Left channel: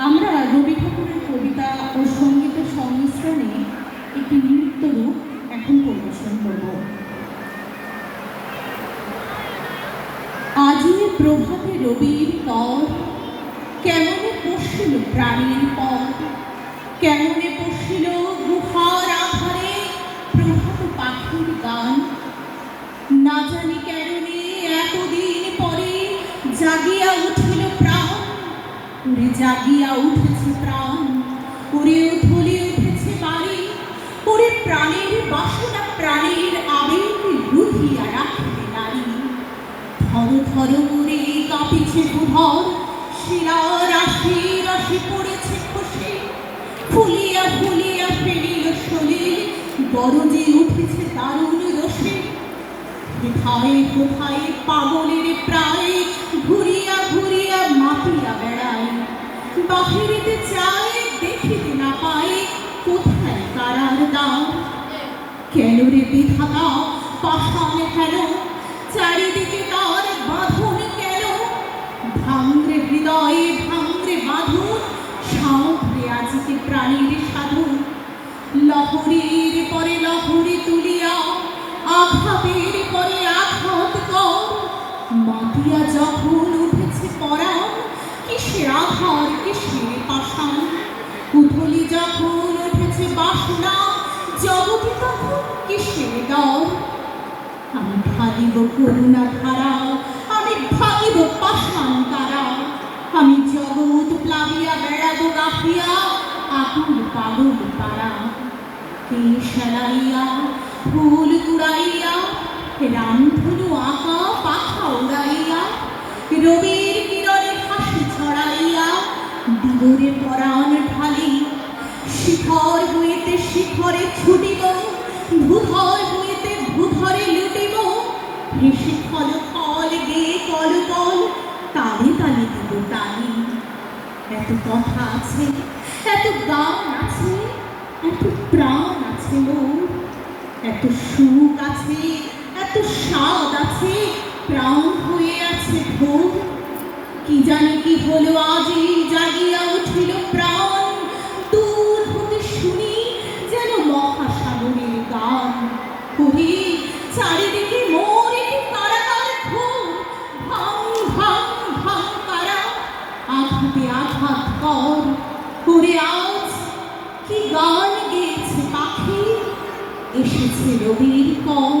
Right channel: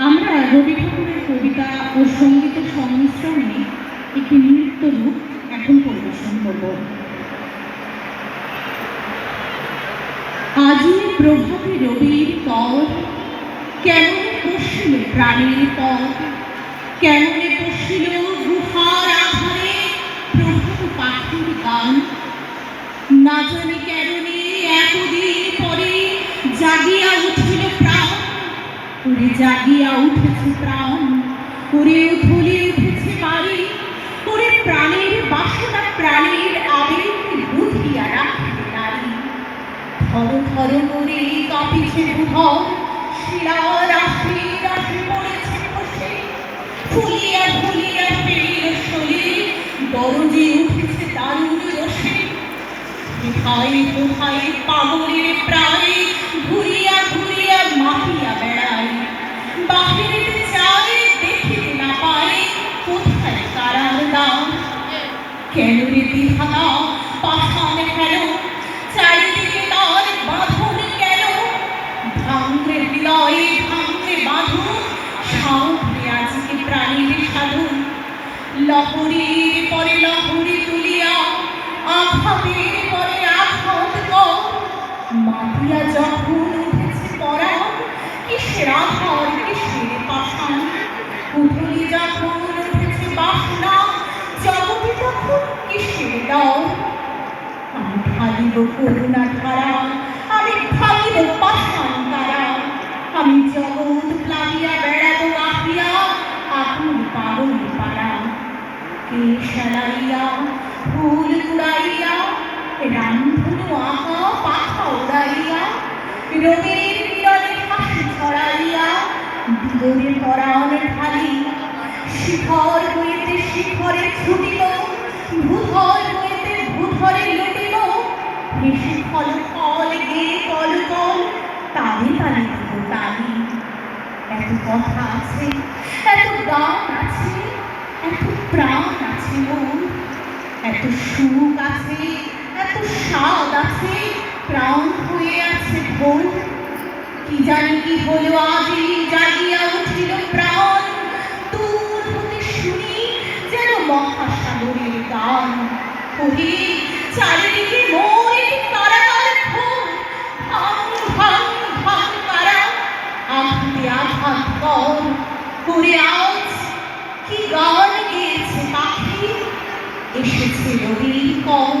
আমরা রবি ঠাকুরের কবিতা ও সঙ্গীতের সংমিশ্রণে একটি নৃত্য রূপ এখন পরিবেশন করব। আজি প্রভাতে রবির পর কেমনে পশিল প্রাণীর পথ, কেমনে পশিল গুহার আধারে প্রভাত পাখির গান। না জানি কেমনে এতদিন পরে জাগিয়া উঠিল প্রাণ, ওরে জাগিয়া উঠেছে প্রাণ, ওরে উথলে উঠেছে বাড়ি, ওরে প্রাণের বাসনা প্রাণের আবেগ বুঝিয়া রাখিতে নারী। থর থর করে কাঁপিছে ভূধর, শিলা রাশি রাশি পড়েছে খসে, ফুলিয়া ফুলিয়া ফেরিল শরীর, দরজে উঠেছে দারুণ রসে। কোথায় কোথায় পাগলের প্রায় ঘুরিয়া ঘুরিয়া মাপিয়া বেড়ায়, বাহিরেতে চায় দেখিতে না পায় কোথায় কারার দ্বার। কেন রে বিধাতা পাষাণ কেন, চারিদিকে তার বাঁধন কেন? ভাঙরে হৃদয়ে ভাঙরে বাঁধন, সাধে আজকে প্রাণীর সাধন। লহরীর পরে লহরী তুলিয়া আঘাতের পরে আঘাত কর, মাতিয়া যখন উঠেছে পরা কিসের আধার কিসের পাষাণ। উথলি যখন উঠেছে বাসনা জগতে তখন কিসের ডর। আমি ভাগিব করুণা ধারা, আমি ভাগিব পাষাণ তারা, আমি জগৎ প্লাবিয়া বেড়াবো গাহিয়া আগুন পাগল পাড়া। কেশ শালাইয়া ফুল কুড়াইয়া রামধনু আঁকা পাখা উড়াইয়া, রবির কিরণে হাসি ছড়াইয়া দিগরে পরাণ ঢালি। শিখর হইতে শিখরে ছুটিল, ভূধর হইতে ভূধরে লুটিল, হেসে ফল ফল গে কল কল তালে তালে দিব তালি। এত কথা আছে, এত গান আছে, এত প্রাণ আছে মোর, এত সুখ আছে, এত স্বাদ আছে, প্রাণ হয়ে আছে ভোর। কি জানি কি হলো আজি জাগিয়া উঠিল প্রাণ, দূর হতে শুনি যেন মহাসাগরের গান। ওরে চারিদিকে মোর কারাগার ঘোর, ভাঙ ভাঙ ভাঙ কারা, আঘাতে আঘাত কর। ওরে আজ কি গান গেয়েছে পাখি, এসেছে রবির কর।